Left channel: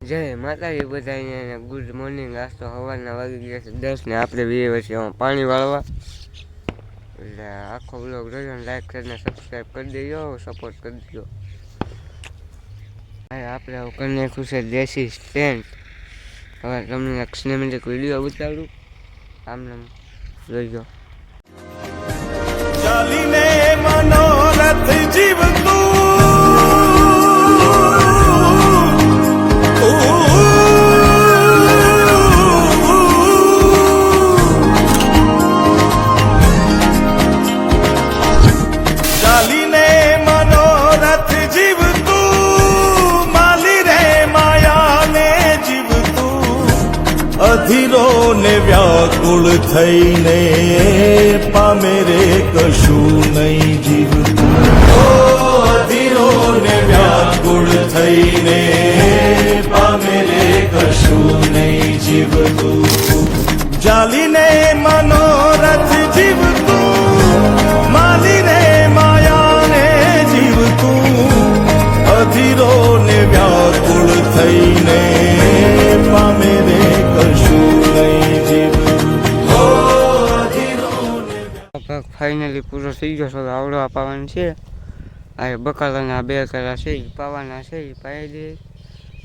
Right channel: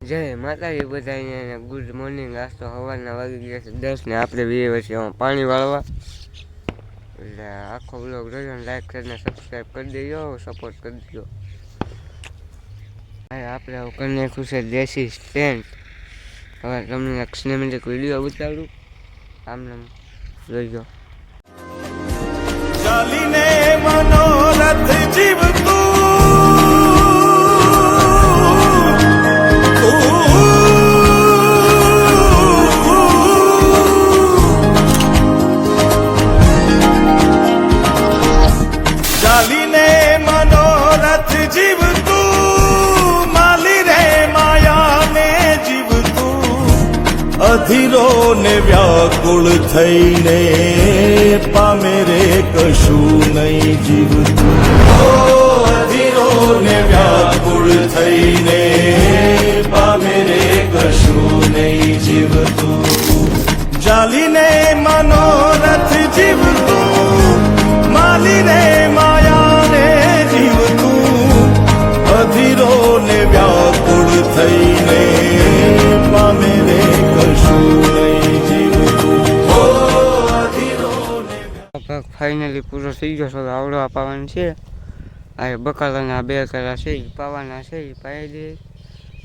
જય માતાજી બધાને ગુડ મોર્નિંગ. આજ તો સવારના વાગી ગયા છે 10 ને આપણે બે વર્ષે પાણી વાળવા. એટલે આખો બ્લોગ જોયો ને લાઈક કરીને સબસ્ક્રાઈબ કરી દેજો, સપોર્ટ કરી દેજો. આપણે કરી નાખ્યું છે દેશી સ્ટેન્ડ. હવે તમને એક સિનેમેટિક વિડીયો ઉતારું, આમને જોઈજો. ચાલીને મનોરથ જીવતું ચાલીને મનોરથ જીવતું માલી રે માયાને જીવતું અધીરો ને વ્યાકુળ થઈને પામે રે કશું નહીં જીવતું. અધીરો ને વ્યાકુળ થઈને પામે રે કશું નહીં જીવતું. ચાલીને મનોરથ જીવતું માલી રે માયાને જીવતું અધીરો ને વ્યાકુળ થઈને પામે રે કશું નહીં જીવતું. અધીરો ને ફાઇનલી પૂરો થઈ ગયો છે. આવડો પાવાનું છે. આ બકાલાના 2 કરા છે એ પાવાના છે, એ પાઈ દે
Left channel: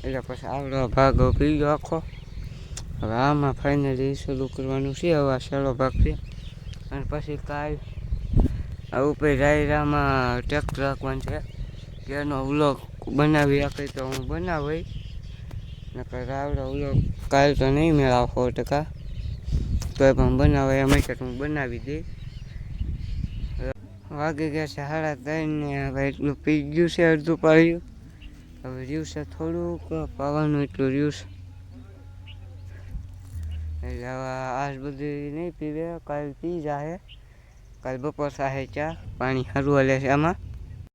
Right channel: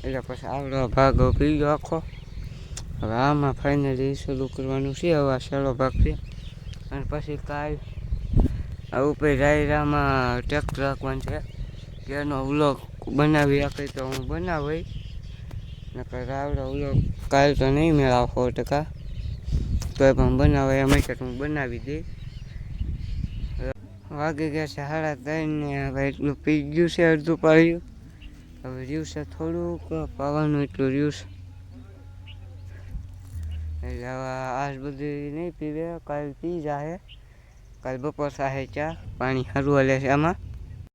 એટલે પછી આવડો ભાગ પી ગયો આખો. હવે આમાં ફાઇનલી શરૂ કરવાનું છે. હવે આ છેલ્લો ભાગ છે અને પછી કાલ આ ઉપર રાયરામાં ટ્રેક્ટર રાખવાનું છે. જેનો વ્લોગ બનાવી આપે તો હું બનાવી, નકર આવડો વ્લોગ કાલ તો નહીં મેળાવ 100%, તો પણ બનાવે એમ કે હું બનાવી દઈશ. વાગી ગયા છે 3:30 ને હવે એટલું પી ગયું છે, અડધું પાડ્યું. હવે રહ્યું છે થોડુંક પાવાનું, એટલું રહ્યું છે. એટલે હવે આજ બધું નહીં પીવે, કાલ પી જાય. કાલ બપોર થાય ચા પાણી સારું હાલે છે આમાં.